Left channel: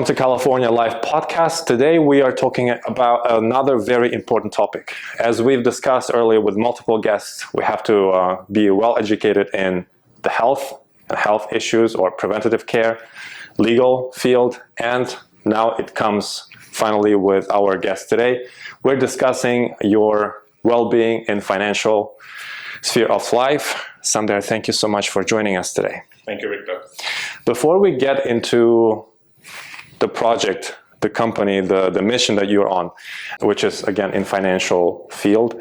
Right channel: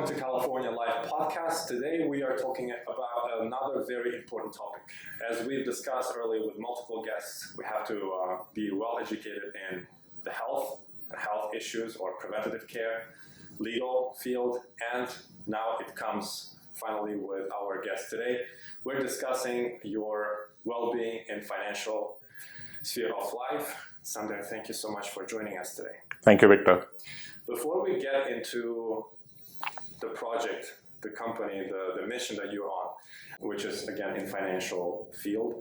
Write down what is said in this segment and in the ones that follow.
welcome to California Live Podcast. Today we are talking about another very important topic. As we've discussed earlier with multiple guests, we have to be well educated in the health and health issues or preventative care, legal field, and now it comes finally with our guest today. We're discussing your well-being in financial sphere of life. Samder, thank you so much for joining us today. Thank you, Victor. Before we get into the project, the company, the mission that you're on, which is again in financial field,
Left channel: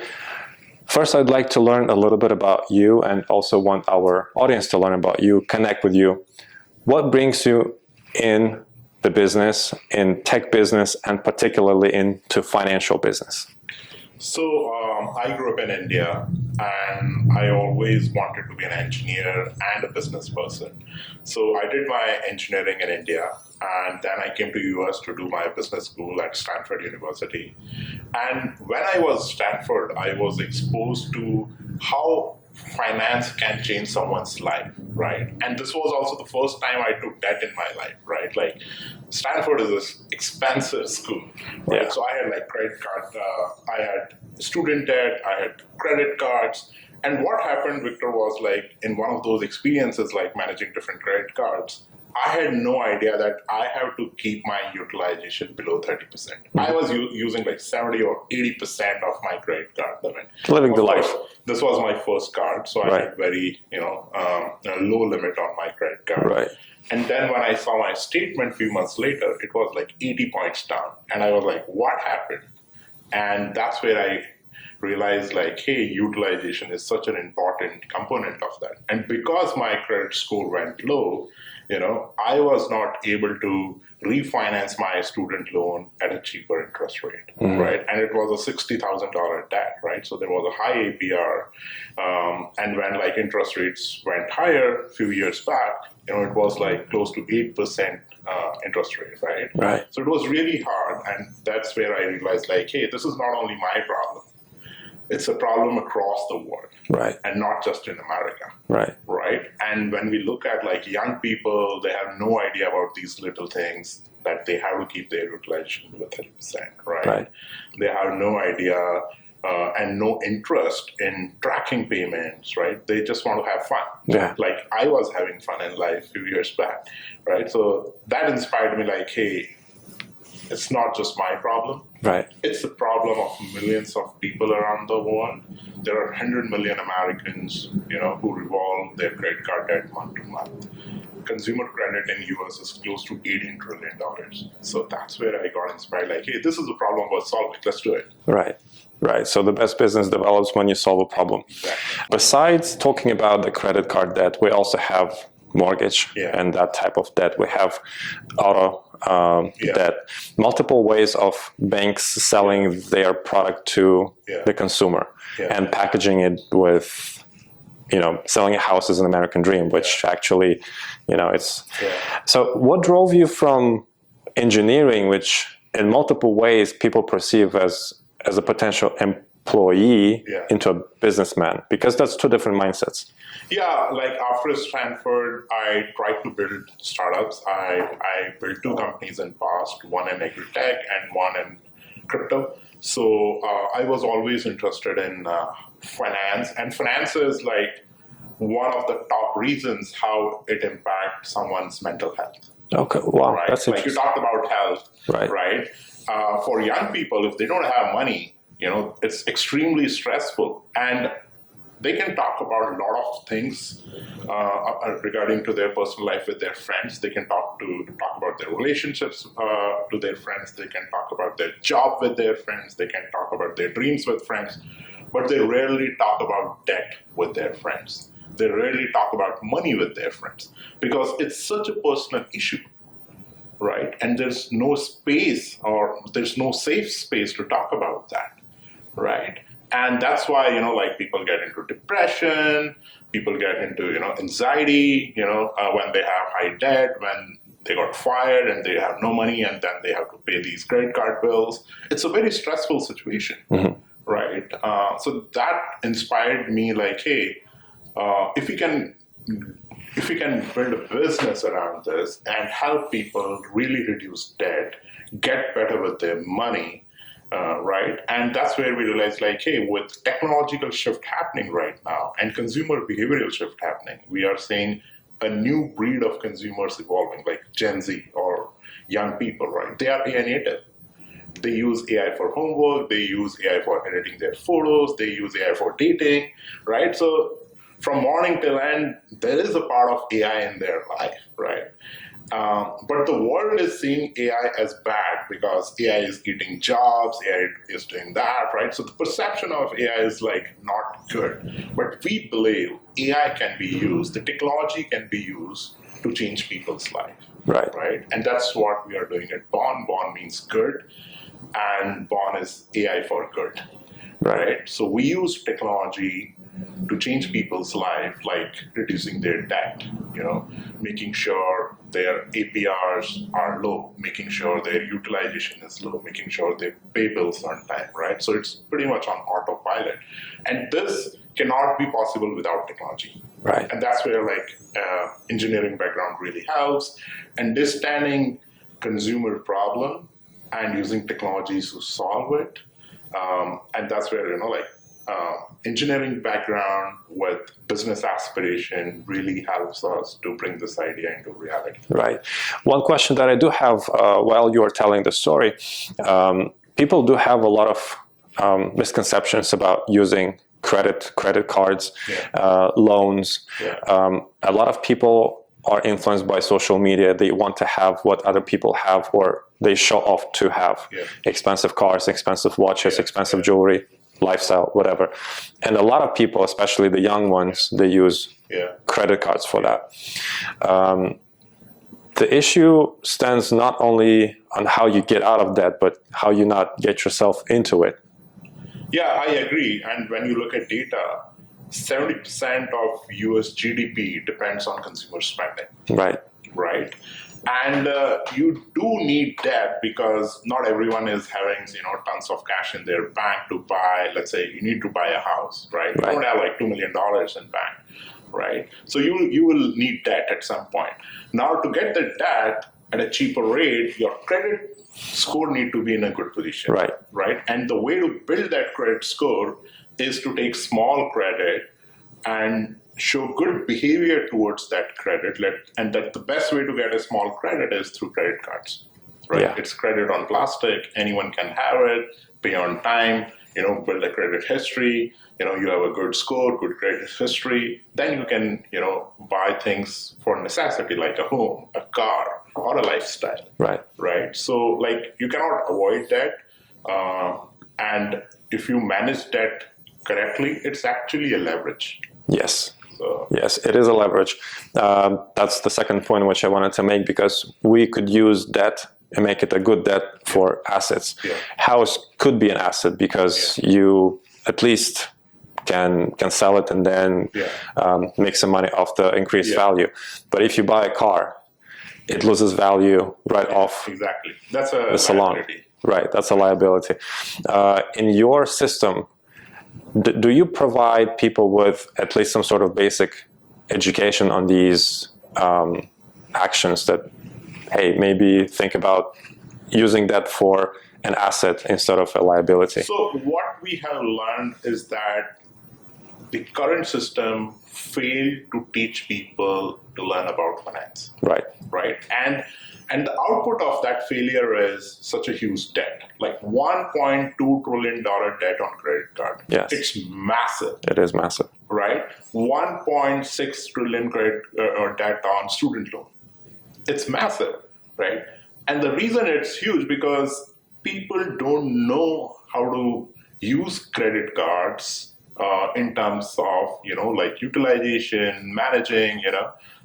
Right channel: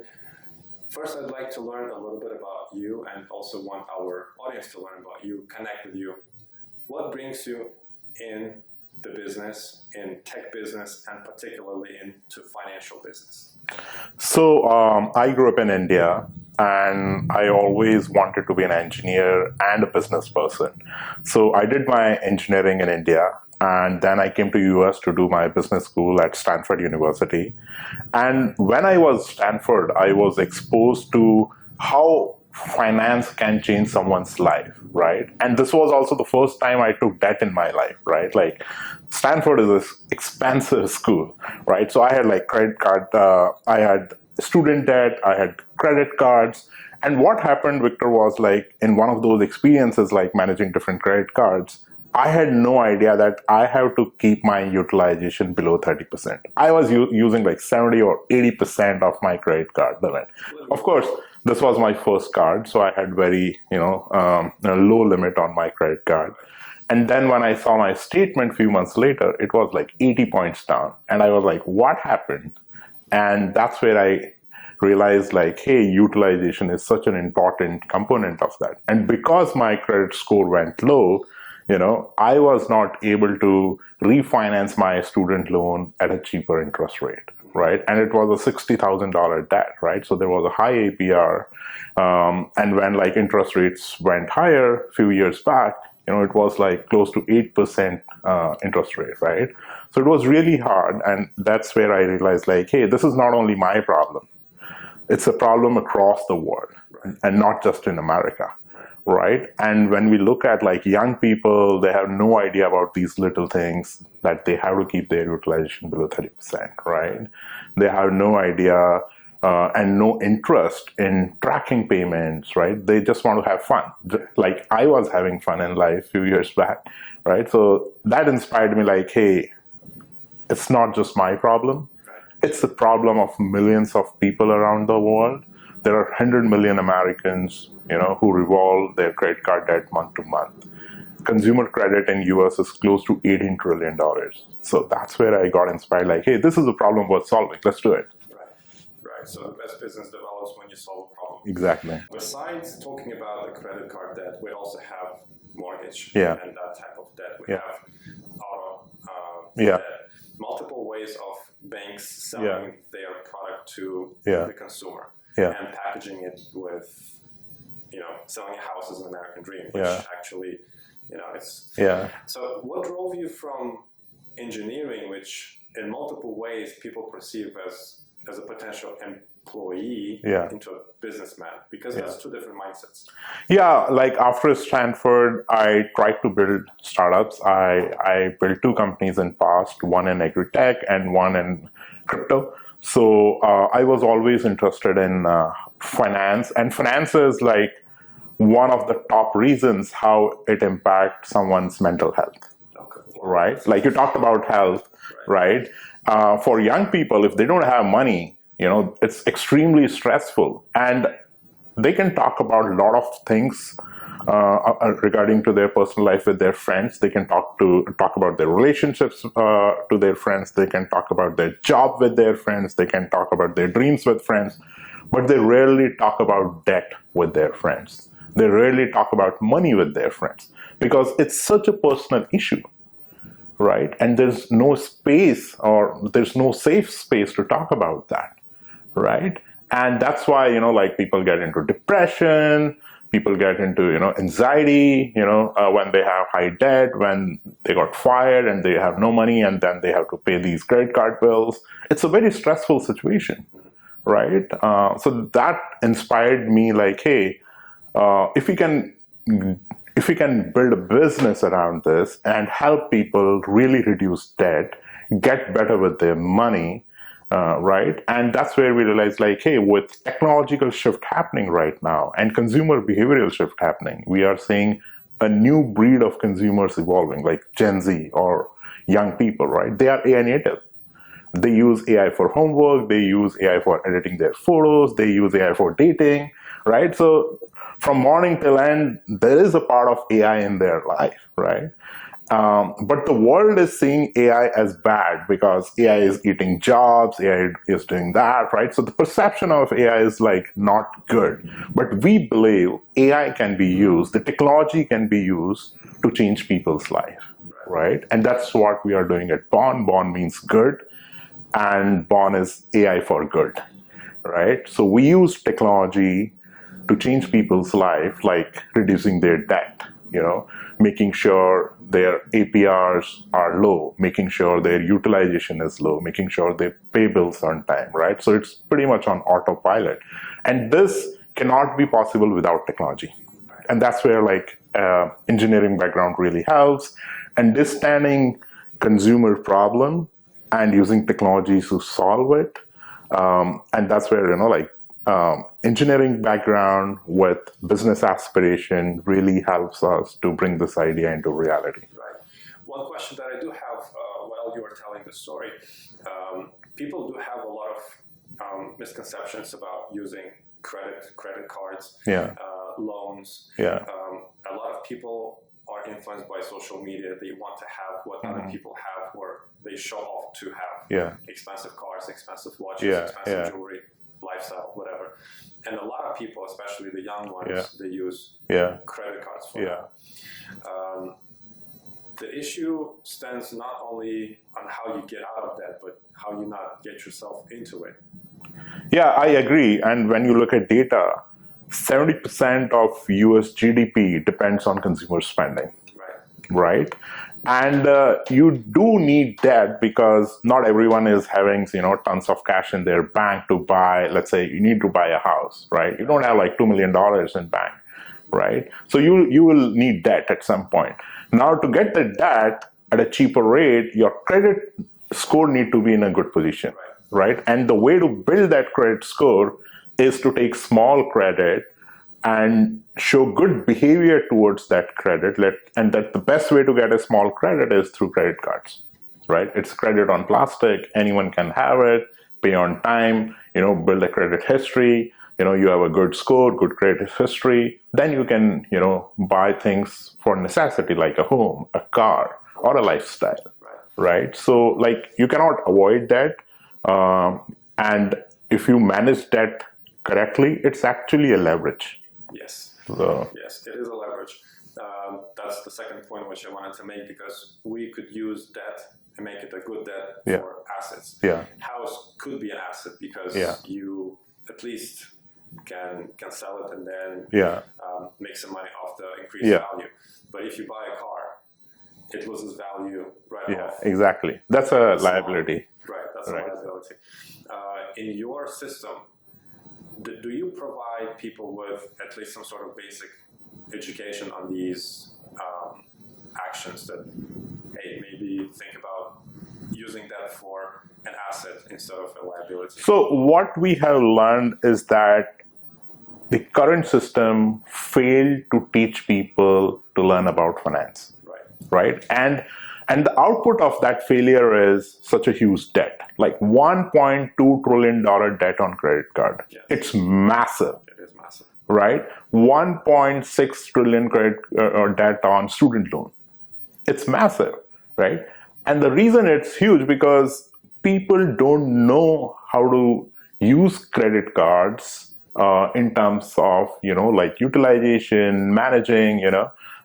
first I'd like to learn a little bit about you and also want our audience to learn about you, connect with you. What brings you in the business, in tech business, and particularly into financial business? So I grew up in India, and I always wanted to be an engineer and a business person. So I did my engineering in India, and then I came to US to do my business school at Stanford University. And when I was Stanford, I was exposed to how finance can change someone's life, right? And this was also the first time I took debt in my life, right? Like Stanford is an expensive school, right? Yeah. So I had like credit card, I had student debt, I had credit cards. And what happened, Victor, was like in one of those experiences, like managing different credit cards, I had no idea that I have to keep my utilization below 30%. Mm-hmm. I was using like 70 or 80% of my credit card limit. Living the life. This was my first card, so I had very, low limit on my credit card. Right. And then when I saw my statement a few months later, it was like 80 points down. And I was like, what happened? And that's where I realized like, hey, utilization is such an important component of that. And because my credit score went low, I was not able to refinance my student loan at a cheaper interest rate, right? And it was a $60,000 debt, right? So there was a high APR. And when like interest rates went higher a few years back, it was like close to 8% interest rate, right? Right. So it was really hard. And that's where I realized like, hey, this is not only my problem. It's a problem across the world, right? And not just in America, right? Right. And when we look at like young people, they have no idea about these little things that they have to keep their utilization below 30%, right? They have no idea and no interest in tracking payments, right? They just want to have fun. Yeah. Like I was having fun in life a few years back, right? So that inspired me like, hey, it's not just my problem. Right. It's the problem of millions of people around the world. There are 100 million Americans, who revolve their credit card debt month to month. Consumer credit in US is close to $18 trillion. So that's where I got inspired, like, hey, this is a problem worth solving. Let's do it. Right. Right. So the best business develops when you solve a problem. Exactly. Besides talking about the credit card debt, we also have mortgage and that type of debt. We have auto debt, multiple ways of banks selling their product to the consumer and packaging it with, selling a house is an American dream, which actually, it's. So what drove you from engineering, which in multiple ways people perceive as a potential employee into a businessman? Because that's two different mindsets. Yeah, like after Stanford, I tried to build startups. I built two companies in past, one in agri-tech and one in crypto. So I was always interested in finance, and finance is like one of the top reasons how it impacts someone's mental health. Okay, wow. Right? That's like you talked about health, right? For young people, if they don't have money, it's extremely stressful, and they can talk about a lot of things regarding to their personal life with their friends. They can talk about their relationships to their friends. They can talk about their job with their friends. They can talk about their dreams with friends, but they rarely talk about debt with their friends. They rarely talk about money with their friends because it's such a personal issue. Right? And there's no space or there's no safe space to talk about that. Right? And that's why, like people get into depression, people get into, anxiety, when they have high debt, when they got fired and they have no money and then they have to pay these credit card bills. It's a very stressful situation, right? So that inspired me like, hey, if we can if we can build a business around this and help people really reduce debt, get better with their money, right? And that's where we realize, like, hey, with technological shift happening right now and consumer behavioral shift happening, we are seeing a new breed of consumers evolving, like Gen Z or young people, right? They are AI native. They use AI for homework, they use AI for editing their photos, they use AI for dating, right? So from morning till end, there is a part of AI in their life, right? But the world is seeing AI as bad because AI is eating jobs, AI is doing that, right? So the perception of AI is like not good. But we believe AI can be used, the technology can be used to change people's life, right? And that's what we are doing at Bond. Bond means good, and Bond is AI for good, right? So we use technology to change people's life, like reducing their debt, making sure their APRs are low, making sure their utilization is low, making sure they pay bills on time, right? So it's pretty much on autopilot. And this cannot be possible without technology. Right. And that's where engineering background really helps. Understanding consumer problem and using technologies to solve it. And that's where, engineering background with business aspiration really helps us to bring this idea into reality. Right. One question that I do have while you are telling the story, people do have a lot of misconceptions about using credit cards, loans. A lot of people are influenced by social media. They want to have what other people have, or they show off to have expensive cars, expensive watches, expensive jewelry, lifestyle, whatever. And a lot of people, especially the young ones, they use credit cards for that. The issue stands not only on how you get out of debt, but how you not get yourself into it. Yeah, I agree. And when you look at data, 70% of US GDP depends on consumer spending. Right. And you do need debt because not everyone is having, tons of cash in their bank to buy. Let's say you need to buy a house, right? You don't have like $2 million in bank, right? So you will need debt at some point. Now, to get the debt at a cheaper rate, your credit score need to be in a good position, right? And the way to build that credit score is to take small credit and show good behavior towards that credit. And that the best way to get a small credit is through credit cards, right? It's credit on plastic. Anyone can have it, pay on time, build a credit history. You have a good score, good credit history. Then you can, buy things for necessity like a home, a car, or a lifestyle. Right. So you cannot avoid that. And if you manage debt correctly, it's actually a leverage. Yes. Yes, it is a leverage. That's the second point which I wanted to make, because we could use debt and make it a good debt for assets. House could be an asset because you at least can sell it and then make some money off the increased value. But if you buy a car, it loses value off. Exactly. That's a liability. Right, that's a liability. In your system, do you provide people with at least some sort of basic education on these actions that, hey, maybe think about using that for an asset instead of a liability? So what we have learned is that the current system failed to teach people to learn about finance. Right? And the output of that failure is such a huge debt, like $1.2 trillion debt on credit card. It's massive. It is massive. Right? 1.6 trillion credit debt on student loan. It's massive, right? And the reason it's huge because people don't know how to use credit cards in terms of, utilization, managing,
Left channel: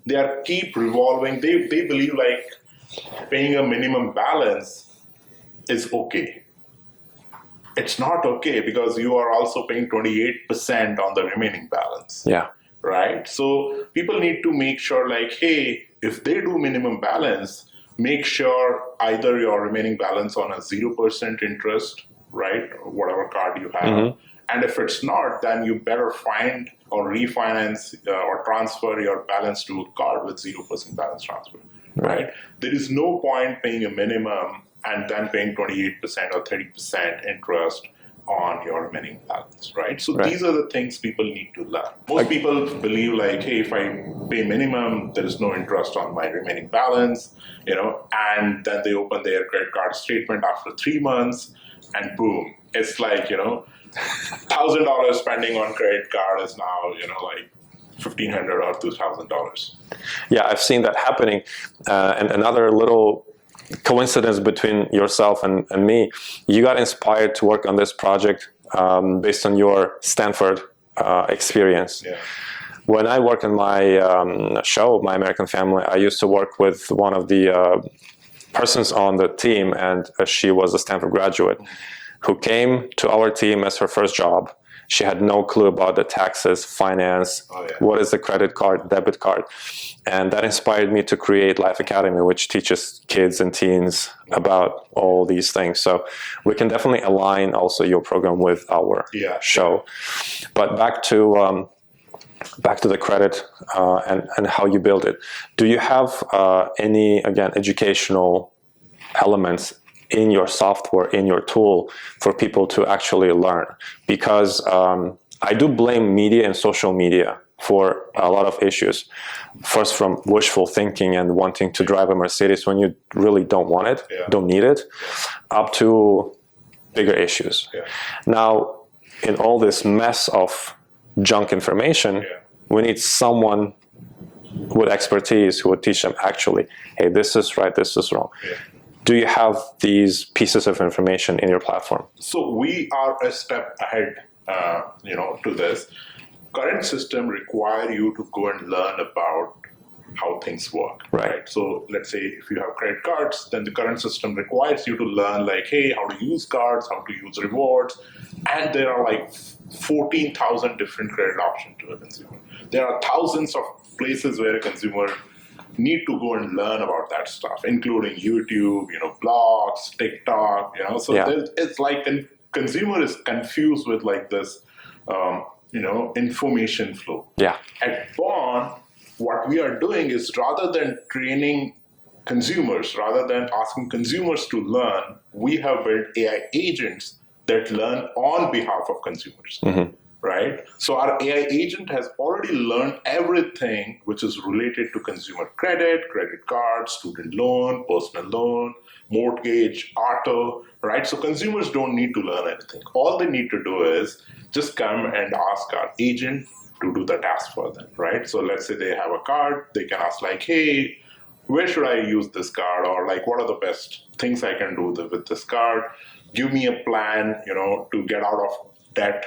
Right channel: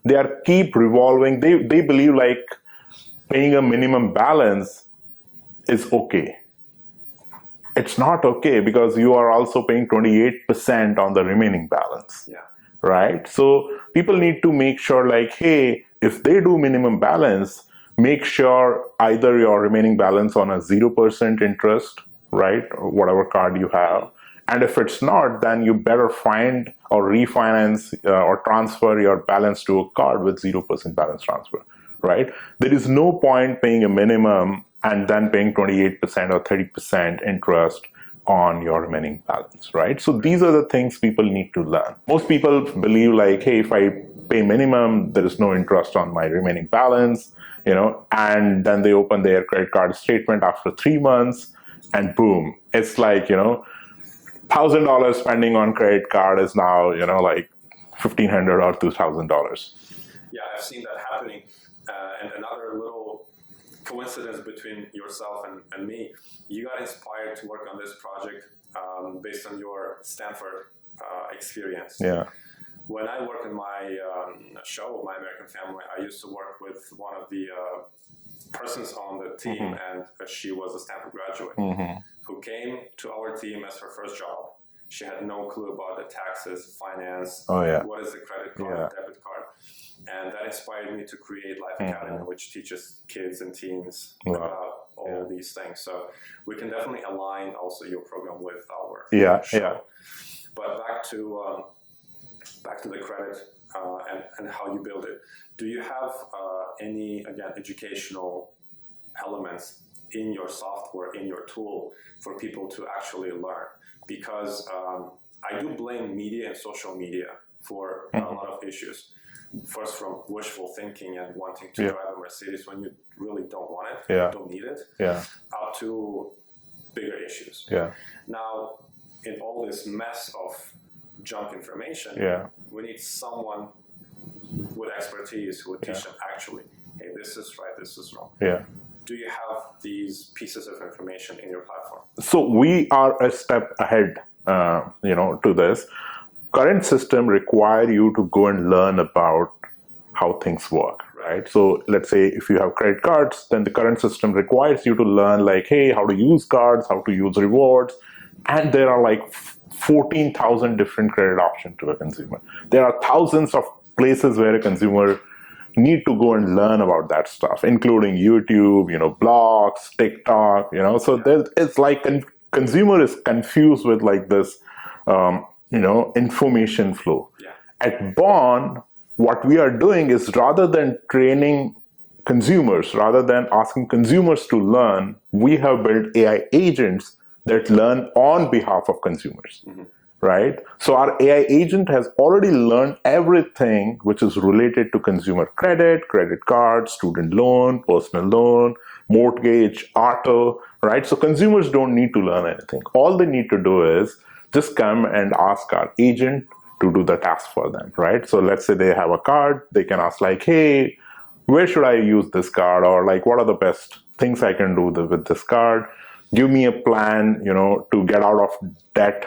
they are keep revolving. They believe paying a minimum balance is okay. It's not okay because you are also paying 28% on the remaining balance. Right? So people need to make sure hey, if they do minimum balance, make sure either your remaining balance on a 0% interest, right? Or whatever card you have, And if it's not, then you better find or refinance or transfer your balance to a card with 0% balance transfer, right? There is no point paying a minimum and then paying 28% or 30% interest on your remaining balance, right? So these are the things people need to learn. Most people believe like, hey, if I pay minimum, there is no interest on my remaining balance, and then they open their credit card statement after 3 months and boom, it's like, $1,000 spending on credit card is now, like $1,500 or $2,000. Yeah, I've seen that happening. And another little coincidence between yourself and me, you got inspired to work on this project based on your Stanford experience. Yeah. When I work in my show, My American Family, I used to work with one of the persons on the team, and she was a Stanford graduate who came to our team as her first job. She had no clue about the taxes, finance, what is the credit card, debit card. And that inspired me to create Life Academy, which teaches kids and teens about all these things. So we can definitely align also your program with our show. But back to the credit and how you build it. Do you have any, again, educational elements in your software, in your tool, for people to actually learn? Because I do blame media and social media for a lot of issues. First, from wishful thinking and wanting to drive a Mercedes when you really don't want it, don't need it, up to bigger issues. Now, in all this mess of junk information, we need someone with expertise who would teach them actually, hey, this is right, this is wrong. Do you have these pieces of information in your platform? So we are a step ahead, to this. Current system require you to go and learn about how things work, right? So let's say if you have credit cards, then the current system requires you to learn like, hey, how to use cards, how to use rewards. And there are like 14,000 different credit options to a consumer. There are thousands of places where a consumer need to go and learn about that stuff, including YouTube, blogs, TikTok, So it's like consumer is confused with like this, information flow. At Bond, what we are doing is rather than training consumers, rather than asking consumers to learn, we have built AI agents that learn on behalf of consumers, right? So our AI agent has already learned everything which is related to consumer credit, credit card, student loan, personal loan, mortgage, auto, right? So consumers don't need to learn anything. All they need to do is just come and ask our agent to do the task for them, right? So let's say they have a card, they can ask like, hey, where should I use this card? Or like, what are the best things I can do with this card? Give me a plan, to get out of debt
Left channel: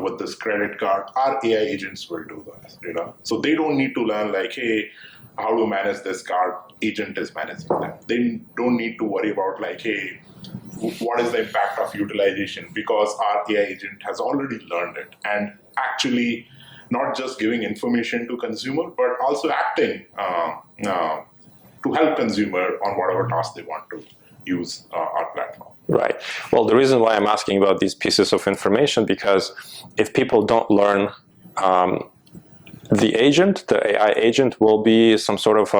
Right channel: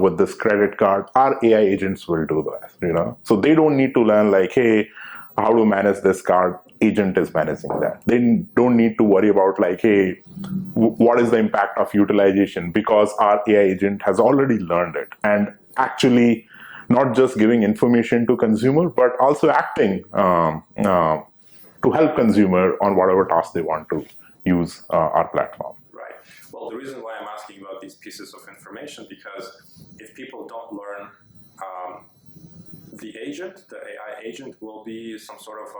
with this credit card. Our AI agents will do that, So they don't need to learn like, hey, how to manage this card. Agent is managing that. They don't need to worry about like, hey, what is the impact of utilization? Because our AI agent has already learned it. And actually not just giving information to consumer, but also acting to help consumer on whatever task they want to use our platform. Right. Well, the reason why I'm asking about these pieces of information, because if people don't learn, the AI agent will be some sort of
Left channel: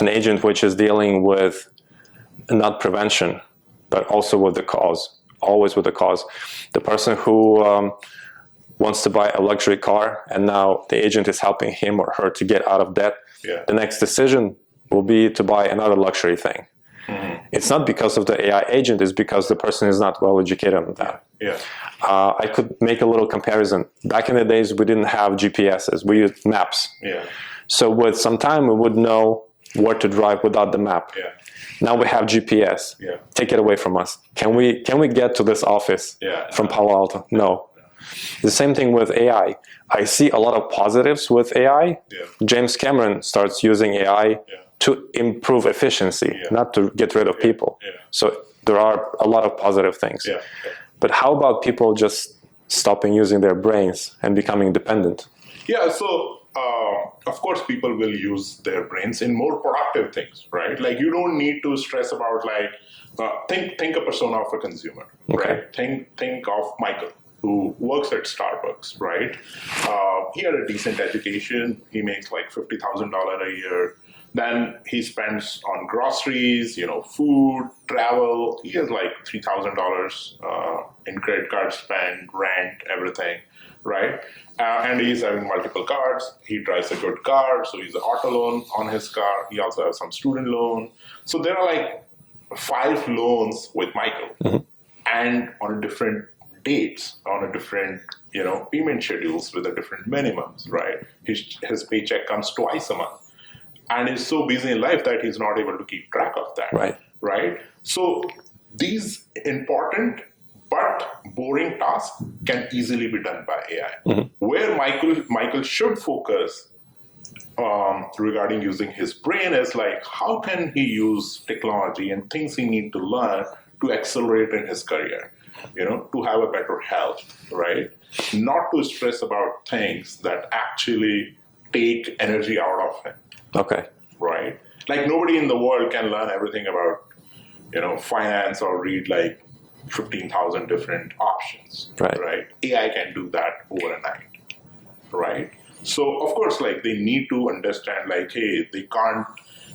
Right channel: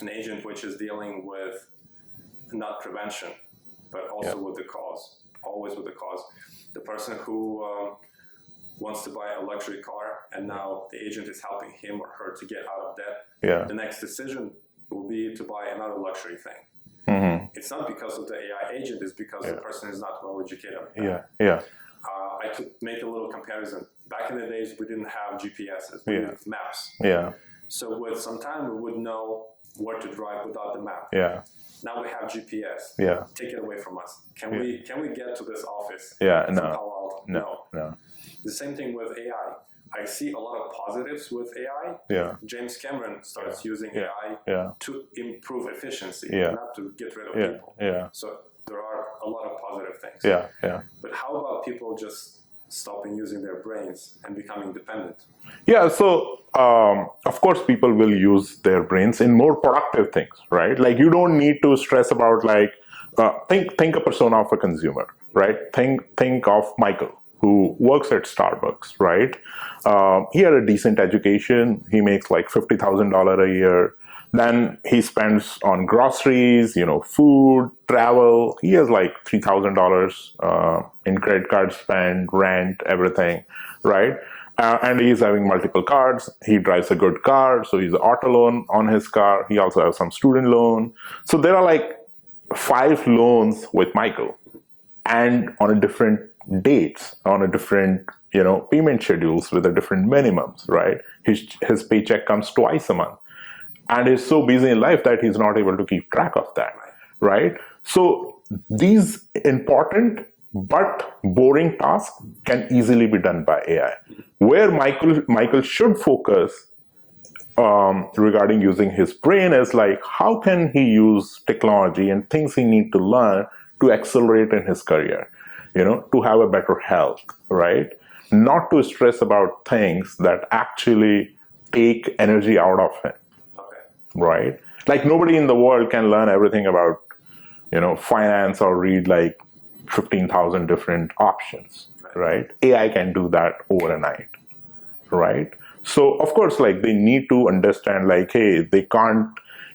an agent which is dealing with not prevention, but also with the cause, always with the cause. The person who wants to buy a luxury car and now the agent is helping him or her to get out of debt, the next decision will be to buy another luxury thing. It's not because of the AI agent, it's because the person is not well educated on that. I could make a little comparison. Back in the days, we didn't have GPSs, we used maps. So with some time, we would know where to drive without the map. Now we have GPS. Take it away from us. Can we get to this office from Palo Alto? No. The same thing with AI. I see a lot of positives with AI. James Cameron starts using AI to improve efficiency, not to get rid of people. So there are a lot of positive things. But how about people just stopping using their brains and becoming dependent? So of course, people will use their brains in more productive things, right? Like you don't need to stress about like, think a persona of a consumer, right? Think of Michael, who works at Starbucks, right? He had a decent education. He makes like $50,000 a year. Then he spends on groceries, food, travel. He has like $3,000 in credit card spend, rent, everything, right? And he's having multiple cards. He drives a good car, so he's auto loan on his car. He also has some student loan. So there are like 5 loans with Michael, and on a different dates, on a different payment schedules with a different minimums, right? His paycheck comes twice a month, and he's so busy in life that he's not able to keep track of that, right? So these important but boring tasks can easily be done by AI. Where Michael should focus regarding using his brain is like, how can he use technology and things he need to learn to accelerate in his career, to have a better health, right? Not to stress about things that actually take energy out of him. Okay. Right? Like nobody in the world can learn everything about, finance or read like 15,000 different options, right? AI can do that overnight, right? So of course, like they need to understand like, hey, they can't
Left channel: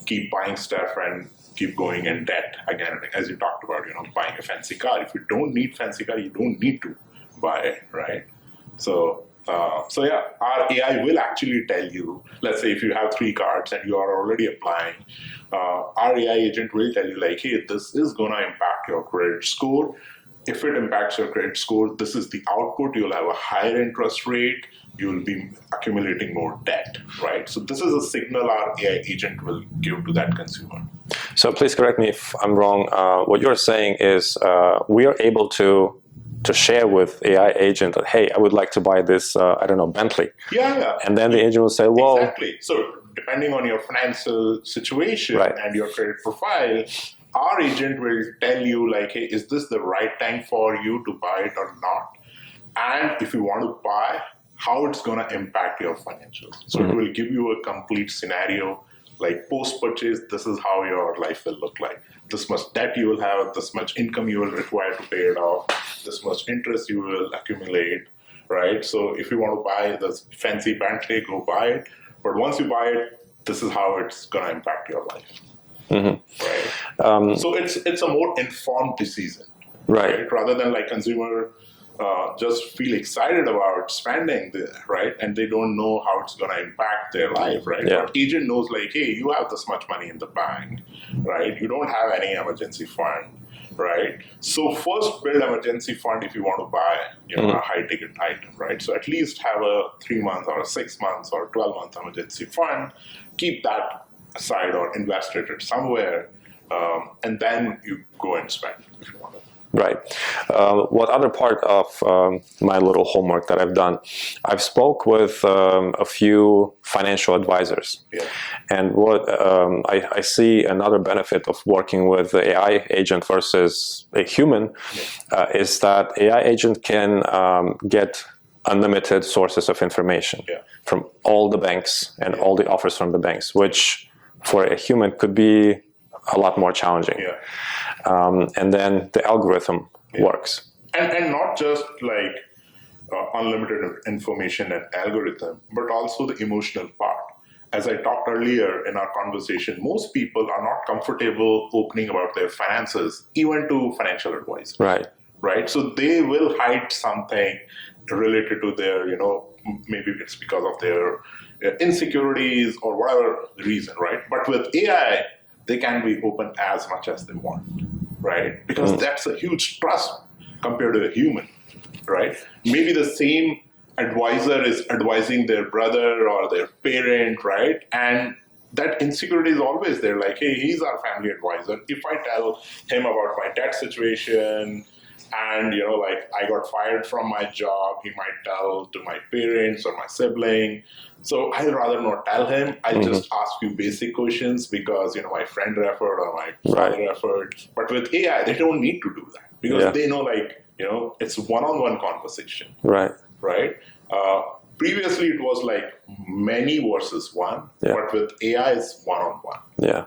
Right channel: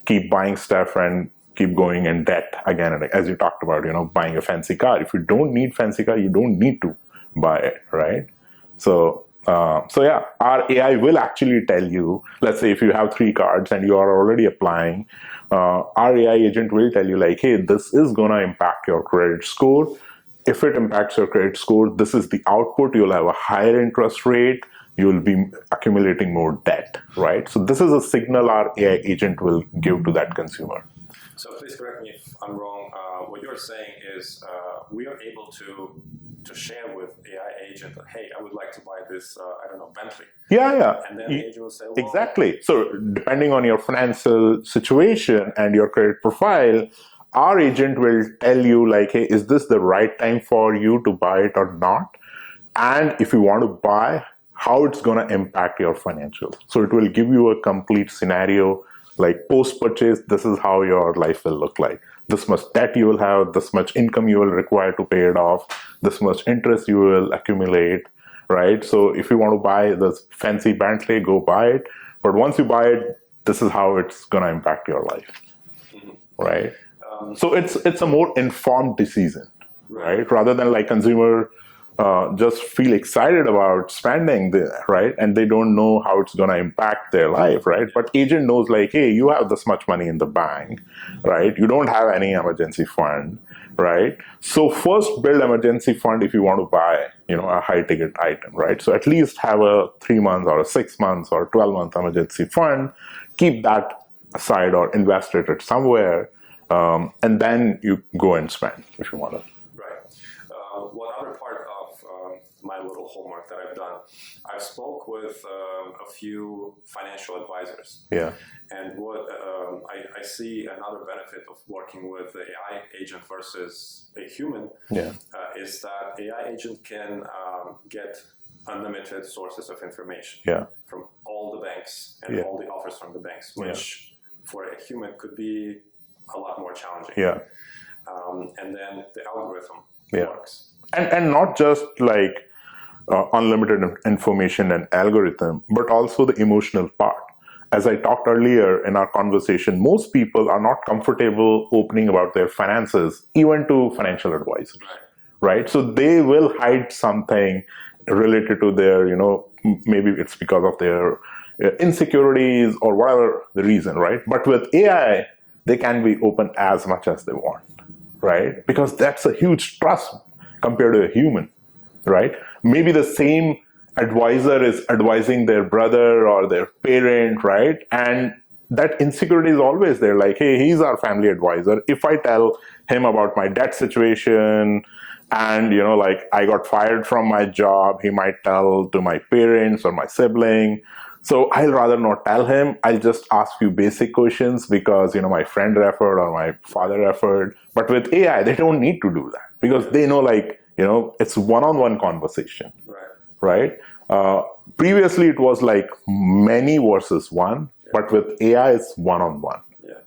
keep buying stuff and keep going in debt again and again. As you talked about, buying a fancy car. If you don't need fancy car, you don't need to buy it, right? So yeah, our AI will actually tell you, let's say if you have 3 cards and you are already applying, our AI agent will tell you like, hey, this is going to impact your credit score. If it impacts your credit score, this is the output. You'll have a higher interest rate. You'll be accumulating more debt, right? So this is a signal our AI agent will give to that consumer. So please correct me if I'm wrong. What you're saying is we are able to share with AI agent that, hey, I would like to buy this, Bentley. Yeah. And then the agent will say, well... Exactly. So depending on your financial situation and your credit profile, our agent will tell you like, hey, is this the right time for you to buy it or not? And if you want to buy, how it's going to impact your financials. So it will give you a complete scenario, like post-purchase, this is how your life will look like. This much debt you will have, this much income you will require to pay it off, this much interest you will accumulate, right? So if you want to buy this fancy Bentley, go buy it. But once you buy it, this is how it's going to impact your life, right? So it's a more informed decision, right? Rather than like consumer just feel excited about spending right? And they don't know how it's going to impact their life, right? But agent knows like, hey, you have this much money in the bank, right? You don't have any emergency fund, right? So first build emergency fund if you want to buy, a high ticket item, right? So at least have a 3 months or a 6 months or 12-month emergency fund, keep that aside or invest it somewhere, and then you go and spend if you want to. Right. What other part of my little homework that I've done, I've spoke with a few financial advisors. Yeah. And what I see another benefit of working with the AI agent versus a human is that AI agent can get unlimited sources of information from all the banks and all the offers from the banks, which for a human could be a lot more challenging. Yeah. And then the algorithm works. And not just like unlimited information and algorithm, but also the emotional part. As I talked earlier in our conversation, most people are not comfortable opening about their finances, even to financial advisors. Right. So they will hide something related to their, maybe it's because of their insecurities or whatever the reason, right? But with AI, they can be open as much as they want, right? Because that's a huge trust compared to a human, right? Maybe the same advisor is advising their brother or their parent, right? And that insecurity is always there. Like, hey, he's our family advisor. If I tell him about my debt situation and, like I got fired from my job, he might tell to my parents or my sibling. So I'd rather not tell him. I'll just ask you basic questions because, my friend referred or my father referred. But with AI, they don't need to do that because they know, like, it's one-on-one conversation. Right? Previously, it was like many versus one, but with AI, it's one-on-one.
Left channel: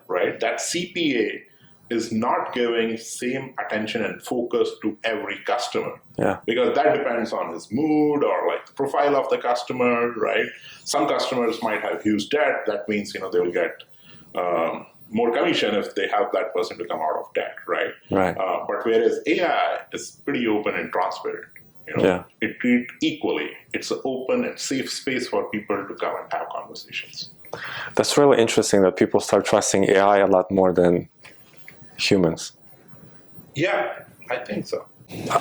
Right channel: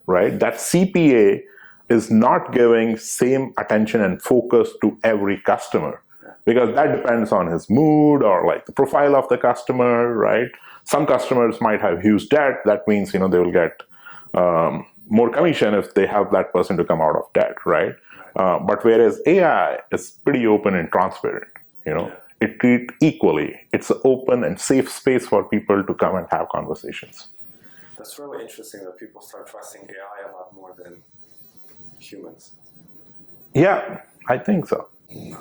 Right? That CPA is not giving same attention and focus to every customer. Yeah. Because that depends on his mood or like the profile of the customer, right? Some customers might have huge debt. That means, they will get more commission if they help that person to come out of debt, right? Right. But whereas AI is pretty open and transparent, it treats equally. It's an open and safe space for people to come and have conversations. That's really interesting that people start trusting AI a lot more than humans. Yeah, I think so.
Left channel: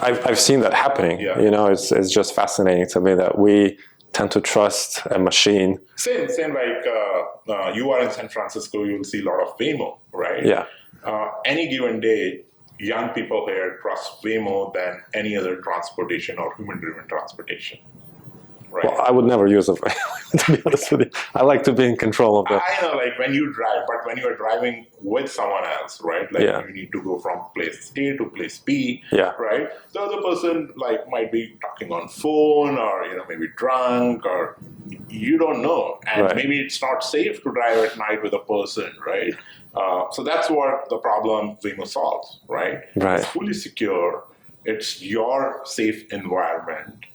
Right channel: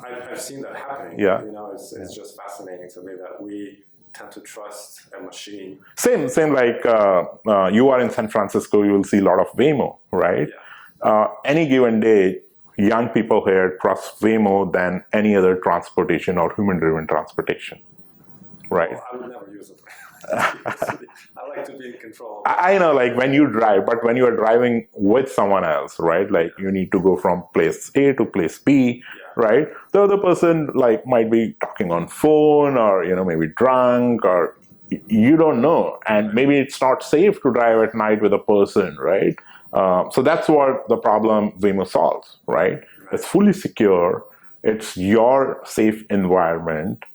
I've seen that happening. Yeah. It's just fascinating to me that we tend to trust a machine. Same like you are in San Francisco, you will see a lot of Waymo, right? Yeah. Any given day, young people here trust Waymo than any other transportation or human-driven transportation. Right. Well, I would never use it, to be honest with you. I like to be in control of that. I know, like when you drive, but when you are driving with someone else, right? Like you need to go from place A to place B, right? The other person like might be talking on phone or, maybe drunk or you don't know. And maybe it's not safe to drive at night with a person, right? So that's what the problem Waymo solves, right? It's fully secure. It's your safe environment.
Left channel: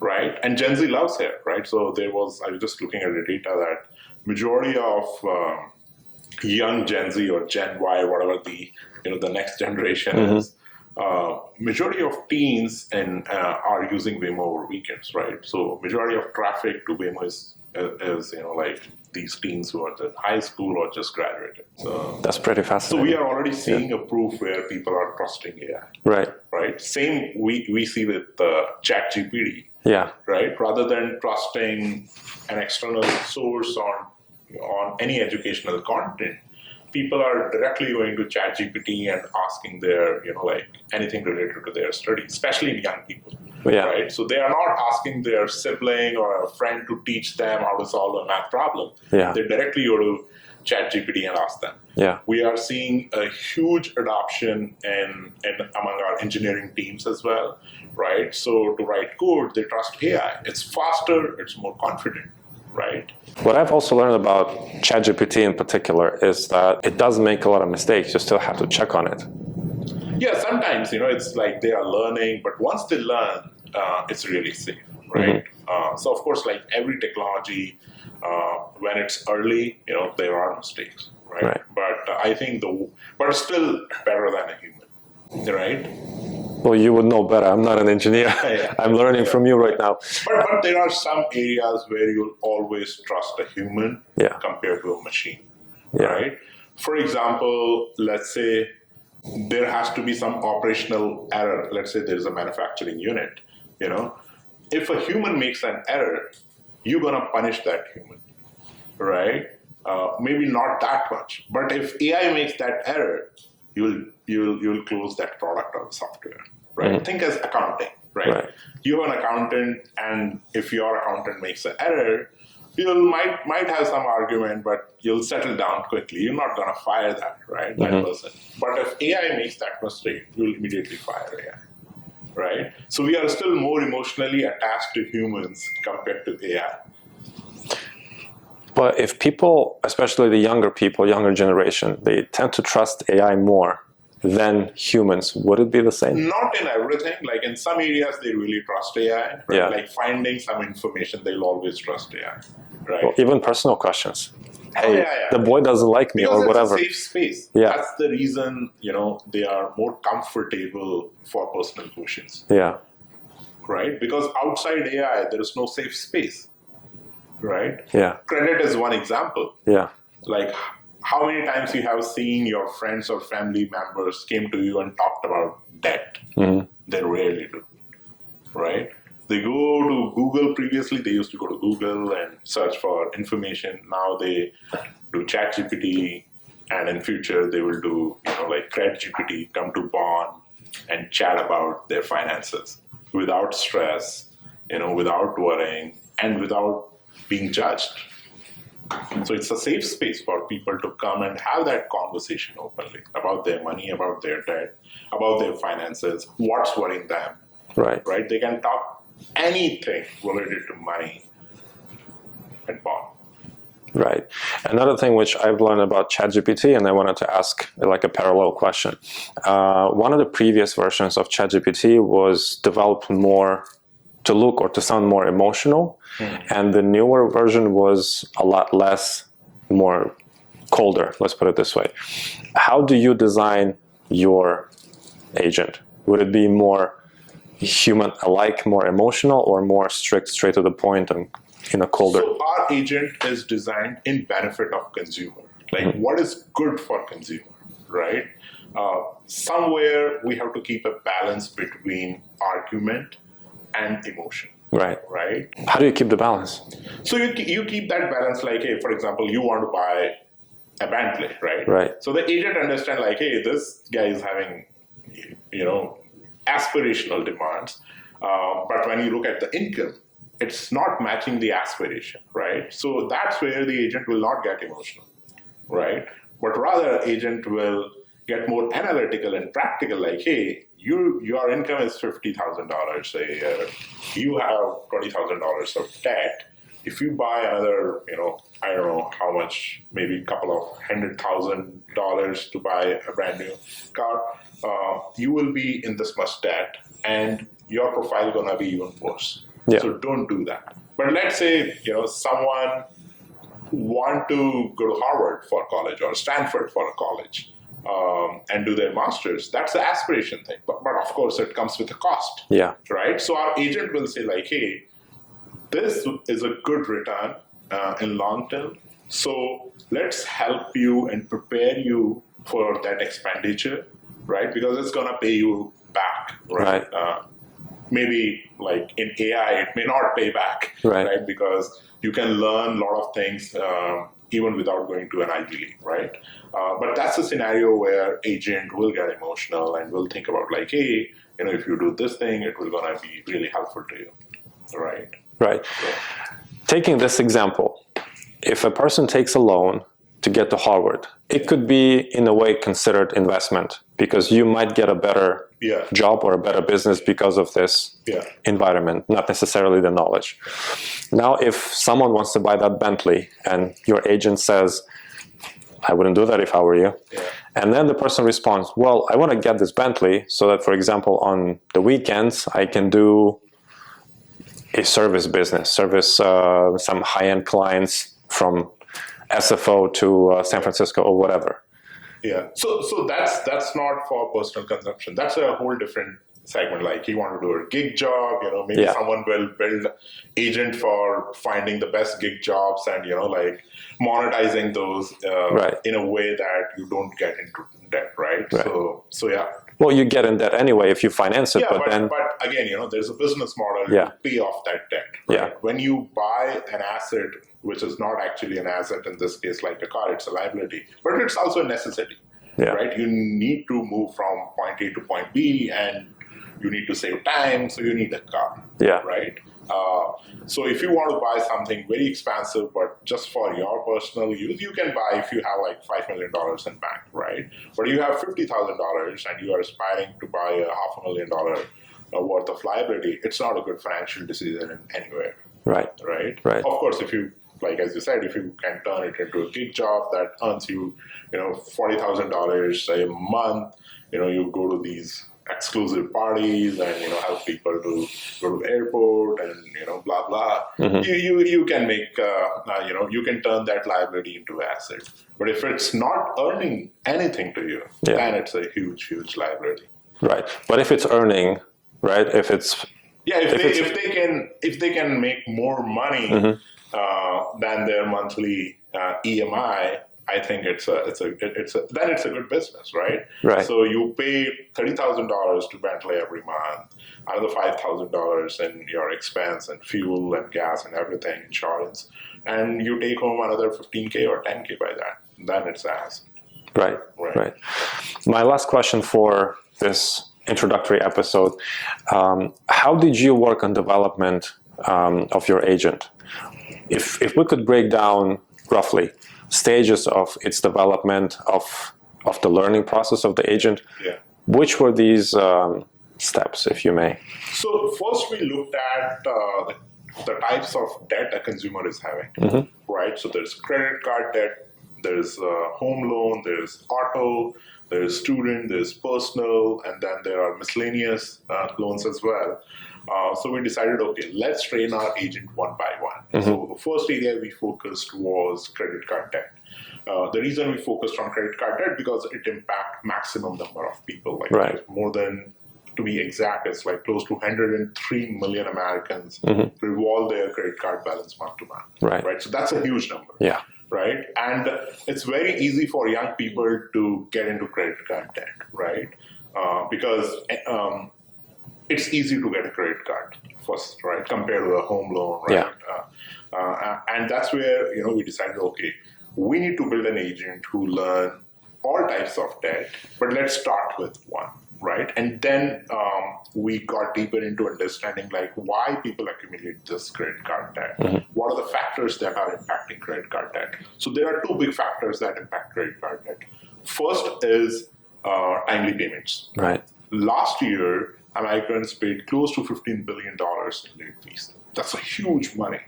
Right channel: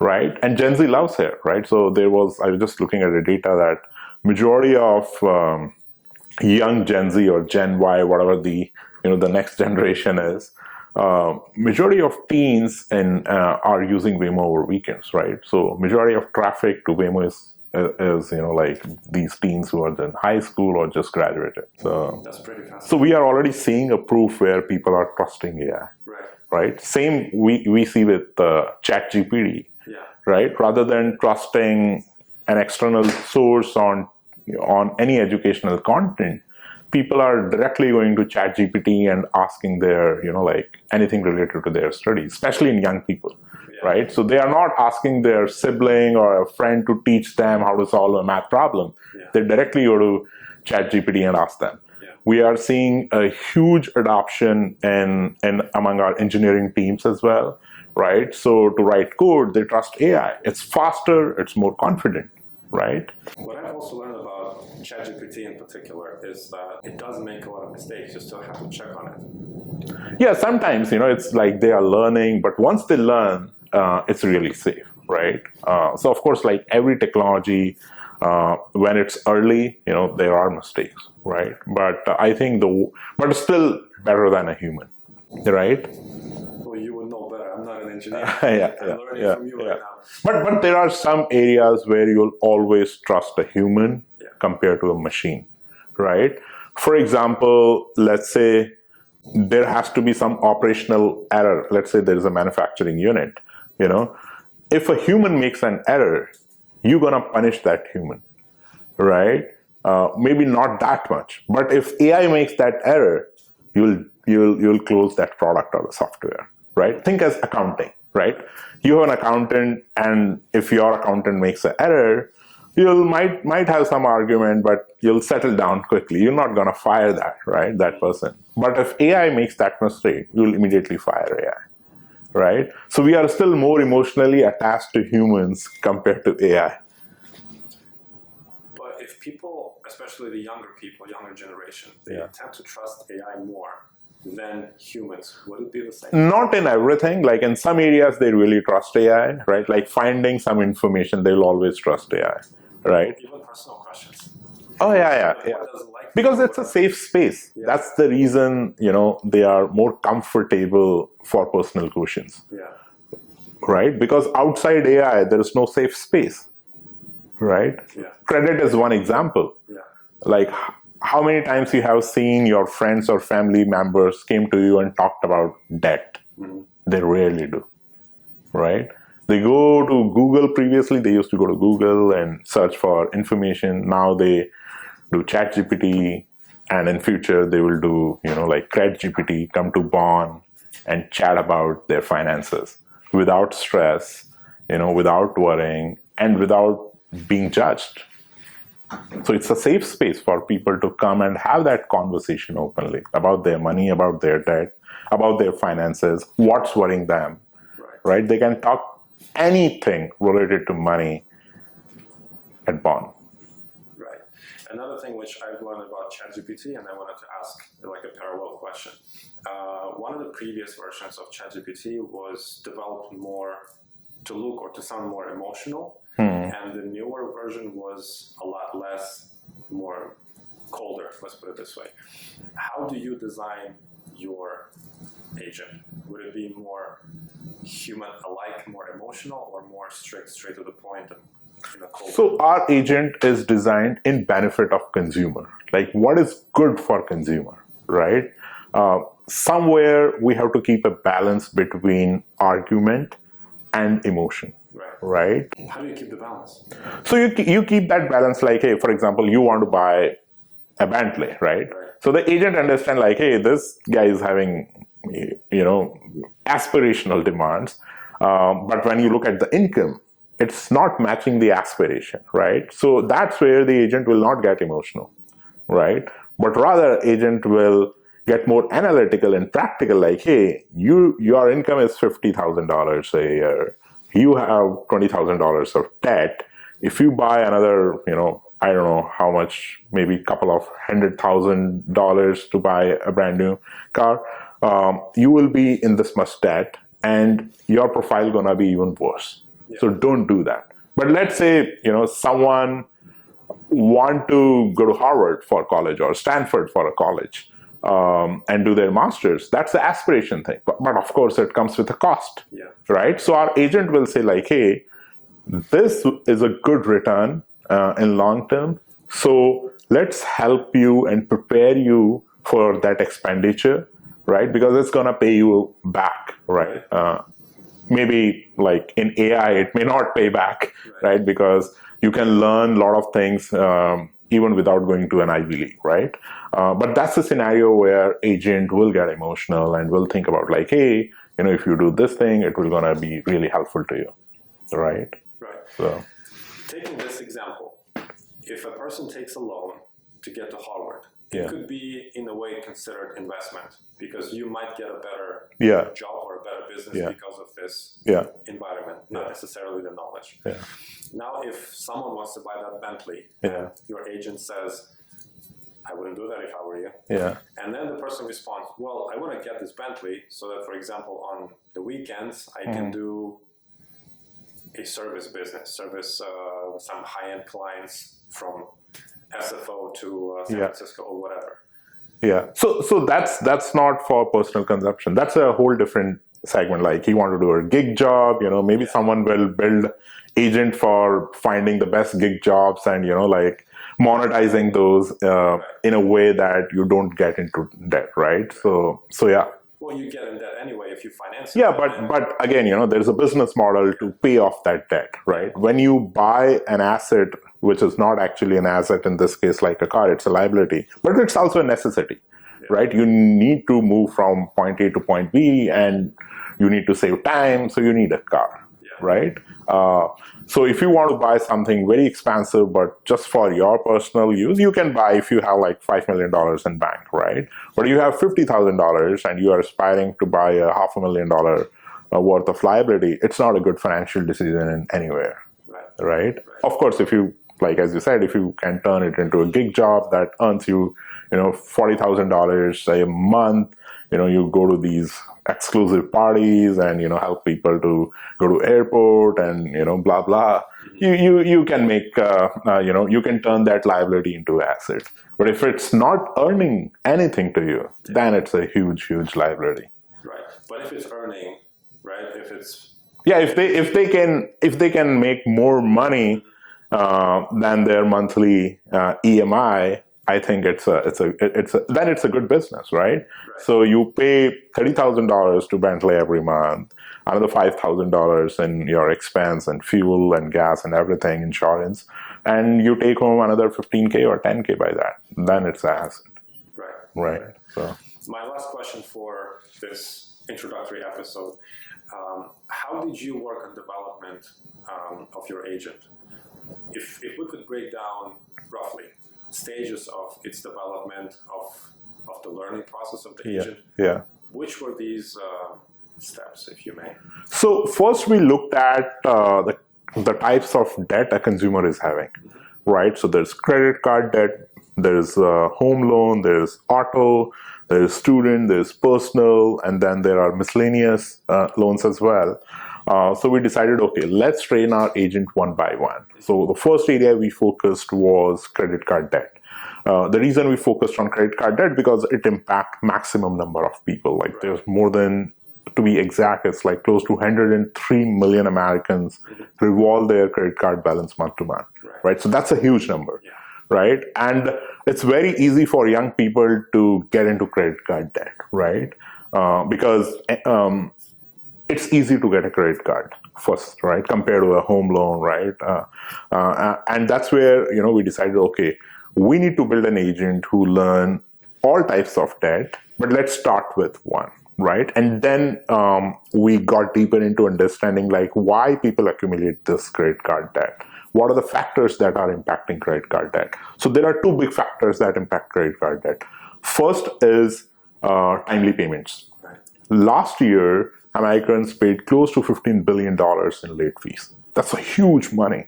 Right, and Gen Z loves it, right? So I was just looking at the data that majority of young Gen Z or Gen Y, whatever the next generation is, majority of teens are using Waymo over weekends, right? So majority of traffic to Waymo is like these teens who are in high school or just graduated. So that's pretty fascinating. So we are already seeing a proof where people are trusting AI. Right. Same we see with ChatGPT. Yeah. Right. Rather than trusting an external source on any educational content, people are directly going to ChatGPT and asking their, like anything related to their studies, especially in young people. Right. So they are not asking their sibling or a friend to teach them how to solve a math problem. They directly go to ChatGPT and ask them. We are seeing a huge adoption in among our engineering teams as well. Right. So to write code, they trust AI. It's faster. It's more confident. Right. What I've also learned about ChatGPT in particular is that it does make a lot of mistakes. You still have to check on it. Yeah, sometimes, it's like they are learning, but once they learn, it's really safe, right? So of course, like every technology, when it's early, there are mistakes, right? But I think but it's still better than a human, right? Well, you would know better. I'm not an engineer. I'm learning from you right now. But there are some areas where you'll always trust a human compared to a machine, right? For example, let's say there has to be some operational error. Let's say there is a manufacturing unit, If a human makes an error, you're going to punish that human, right? Maybe not that much. But if AI makes that error, you'll close that product or the software, right? Think as accounting, right? You have an accountant, and if your accountant makes an error, you might have some argument, but you'll settle down quickly. You're not going to fire that, right? That person. But if AI makes that mistake, you'll immediately fire AI, right? So we are still more emotionally attached to humans compared to AI. But if people, especially the younger people, younger generation, they tend to trust AI more than humans, would it be the same? Not in everything. Like in some areas, they really trust AI, right? Like finding some information, they'll always trust AI, right? Well, even personal questions. Hey, the boy doesn't like me because or it's whatever. A safe space. That's the reason, they are more comfortable for personal questions. Right? Because outside AI, there is no safe space. Right? Credit is one example. Like how many times you have seen your friends or family members came to you and talked about debt? They rarely do. Right? They go to Google. Previously, they used to go to Google and search for information. Now they do ChatGPT, and in future they will do, like CredGPT, come to Bond and chat about their finances without stress, without worrying, and without being judged. So it's a safe space for people to come and have that conversation openly about their money, about their debt, about their finances, what's worrying them. Right? They can talk anything related to money at Bond. Right. Another thing which I've learned about ChatGPT, and I wanted to ask like a parallel question. One of the previous versions of ChatGPT was developed more to look or to sound more emotional, and the newer version was a lot less, more colder, let's put it this way. How do you design your agent? Would it be more human-alike, more emotional, or more strict, straight to the point, and colder? So our agent is designed in benefit of consumer. Like what is good for consumer, right? Somewhere we have to keep a balance between argument and emotion. Right. How do you keep the balance? So you keep that balance, like, hey, for example, you want to buy a Bentley, right? So the agent understand, like, hey, this guy is having, aspirational demands. But when you look at the income, it's not matching the aspiration, right? So that's where the agent will not get emotional, right? But rather, agent will get more analytical and practical, like, hey, your income is $50,000 a year. You have $20,000 of debt. If you buy another, I don't know how much, maybe a couple of $100,000 to buy a brand new car, you will be in this much debt, and your profile gonna be even worse. So don't do that. But let's say, someone want to go to Harvard for college or Stanford for a college and do their master's. That's the aspiration thing. But of course, it comes with a cost. Right? So our agent will say, like, hey, this is a good return in long term. So let's help you and prepare you for that expenditure, right? Because it's going to pay you back, right? Maybe like in AI, it may not pay back, right? Because you can learn a lot of things even without going to an Ivy League, right? But that's a scenario where agent will get emotional and will think about, like, hey, if you do this thing, it will gonna be really helpful to you, right? So. Taking this example, if a person takes a loan to get to Harvard, it could be in a way considered investment, because you might get a better job or a better business because of this environment, not necessarily the knowledge. Now, if someone wants to buy that Bentley and your agent says, I wouldn't do that if I were you. And then the person responds, well, I want to get this Bentley so that, for example, on the weekends, I can do a service business, some high-end clients from SFO to San Francisco or whatever. So that's not for personal consumption. That's a whole different segment. Like, you want to do a gig job, maybe someone will build agent for finding the best gig jobs and, like monetizing those in a way that you don't get into debt, right? So yeah. Well, you get in debt anyway if you finance it. But again, there's a business model to pay off that debt, right? When you buy an asset, which is not actually an asset in this case, like a car, it's a liability, but it's also a necessity, right? You need to move from point A to point B, and you need to save time, so you need a car, right? So if you want to buy something very expensive, but just for your personal use, you can buy if you have like $5 million in bank, right? But you have $50,000 and you are aspiring to buy a $500,000 worth of liability, it's not a good financial decision in anywhere. Right. Of course, if you, like, as you said, if you can turn it into a gig job that earns you, $40,000 a month, you go to these exclusive parties and, help people to go to airport and, blah, blah. You can make, you can turn that liability into asset. But if it's not earning anything to you, then it's a huge, huge liability. Right. But if it's earning, right, if it's... if they can make more money than their monthly EMI, I think then it's a good business, right? So you pay $30,000 to Bentley every month, another $5,000 in your expense and fuel and gas and everything, insurance, and you take home another $15K or $10K by that. Then it's an asset. Right. My last question for this introductory episode: how did you work on development of your agent? If we could break down roughly stages of its development, of the learning process of the agent, which were these steps, if you may? So first we looked at the types of debt a consumer is having, right? So there's credit card debt, there's home loan, there's auto, there's student, there's personal, and then there are miscellaneous loans as well. So we decided, okay, let's train our agent one by one. So the first area we focused was credit card debt. The reason we focused on credit card debt because it impacts maximum number of people. Like there's more than, to be exact, it's like close to 103 million Americans revolve their credit card balance month to month. Right. So that's a huge number. Yeah. Right. And it's very easy for young people to get into credit card debt. Right. Because it's easy to get a credit card first, right, compared to a home loan, right? And that's where, we decided, okay, we need to build an agent who learn all types of debt, but let's start with one, right? And then we got deeper into understanding like why people accumulate this credit card debt. What are the factors that are impacting credit card debt? So there are two big factors that impact credit card debt. First is timely payments. Right. Last year, Americans paid close to $15 billion in late fees. That's a huge money.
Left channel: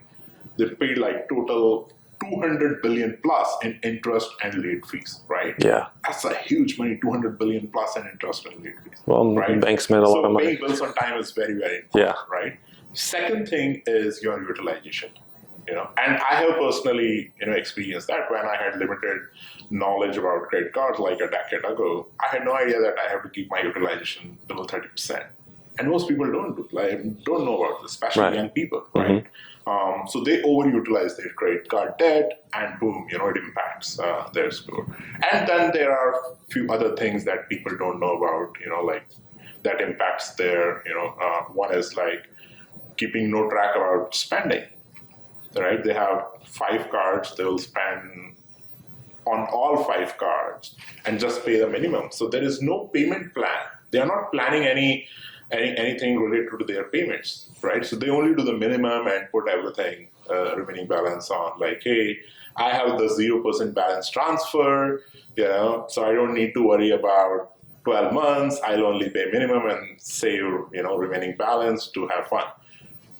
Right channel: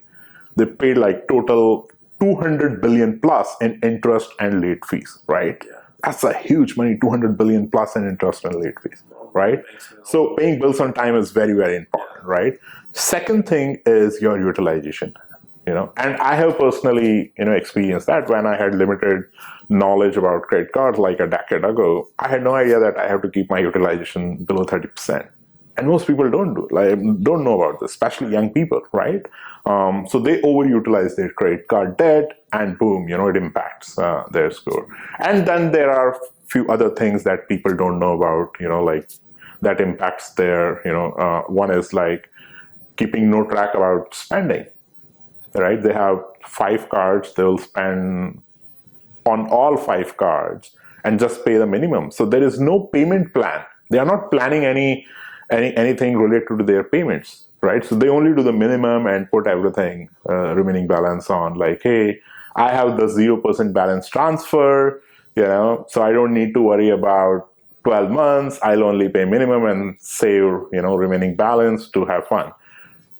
They paid like total 200 billion plus in interest and late fees, right? Yeah. That's a huge money, 200 billion plus in interest and late fees. Well, right? Banks made a lot so of money. Paying bills on time is very, very important, right? Second thing is your utilization. And I have personally, experienced that when I had limited knowledge about credit cards like a decade ago. I had no idea that I have to keep my utilization below 30%. And most people don't know about this, especially young people, right? So they overutilize their credit card debt, and boom, it impacts their score. And then there are a few other things that people don't know about, like that impacts their, one is like keeping no track about spending, right? They have 5 cards, they'll spend on all 5 cards and just pay the minimum. So there is no payment plan. They are not planning anything related to their payments, right? So they only do the minimum and put everything, remaining balance on like, hey, I have the 0% balance transfer, so I don't need to worry about 12 months. I'll only pay minimum and save, remaining balance to have fun.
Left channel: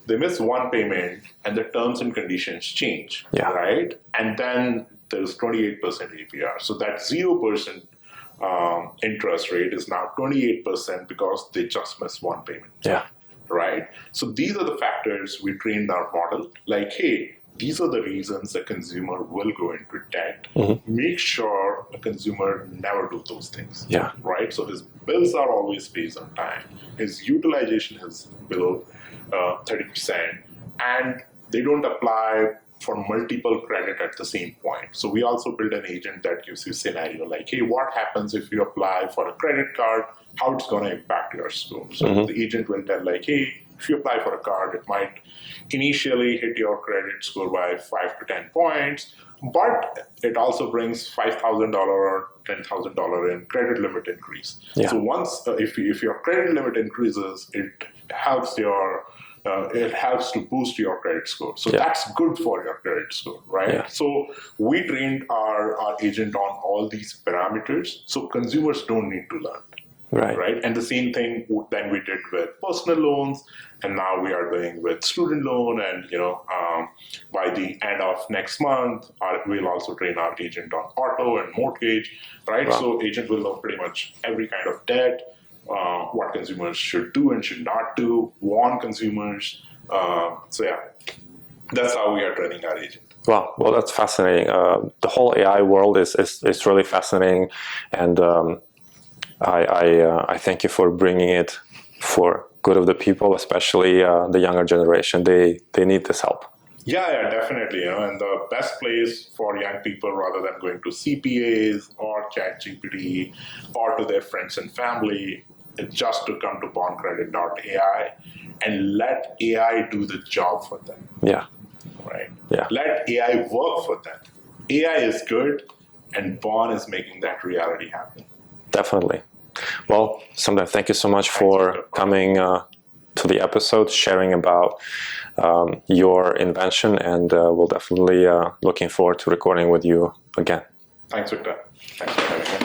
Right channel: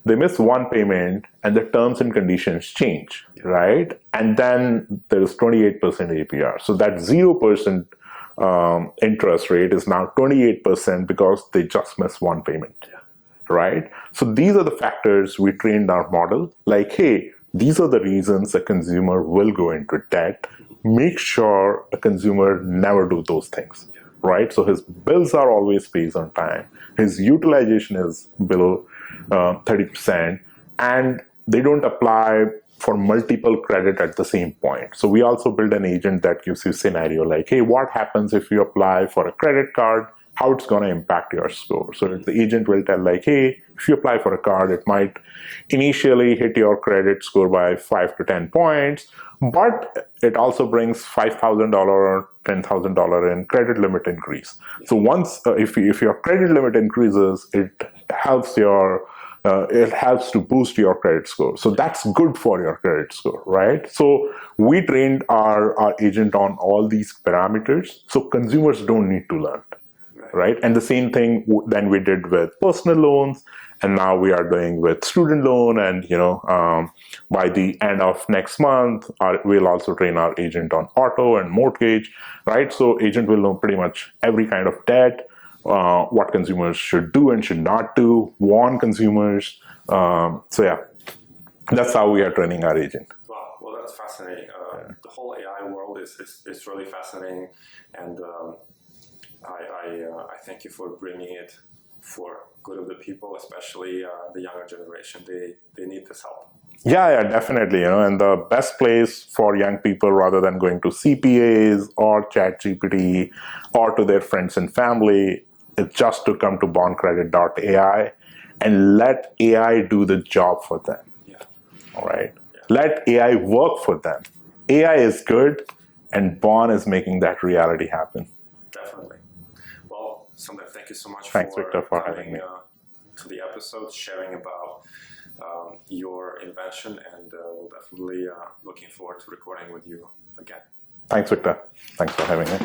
They miss one payment and the terms and conditions change, right? And then there's 28% APR. So that 0% interest rate is now 28% because they just missed one payment. Right? So these are the factors we trained our model. Like, hey, these are the reasons a consumer will go into debt. Make sure a consumer never do those things. Right? So his bills are always paid on time. His utilization is below 30%, and they don't apply for multiple credit at the same point. So we also build an agent that gives you scenario like, hey, what happens if you apply for a credit card, how it's going to impact your score. So the agent will tell like, hey, if you apply for a card, it might initially hit your credit score by 5 to 10 points, but it also brings $5,000 or $10,000 in credit limit increase. So once, if your credit limit increases, it helps to boost your credit score. So that's good for your credit score, right? So we trained our agent on all these parameters, so consumers don't need to learn. Right. And the same thing then we did with personal loans, and now we are doing with student loan. And by the end of next month, we'll also train our agent on auto and mortgage. Right. So agent will know pretty much every kind of debt, what consumers should do and should not do, warn consumers. That's how we are training our agent. Wow, well, that's fascinating. The whole AI world is really fascinating, and I thank you for bringing it for good of the people, especially the younger generation. They need this help. Yeah, definitely. And the best place for young people, rather than going to CPAs or ChatGPT or to their friends and family, is just to come to bondcredit.ai and let AI do the job for them. All right. Let AI work for them. AI is good, and Bond is making that reality happen. Definitely. Well, Samder, thank you so much for coming to the episode, sharing about your invention, and we'll definitely looking forward to recording with you again. Thanks, Victor. Thanks for having me.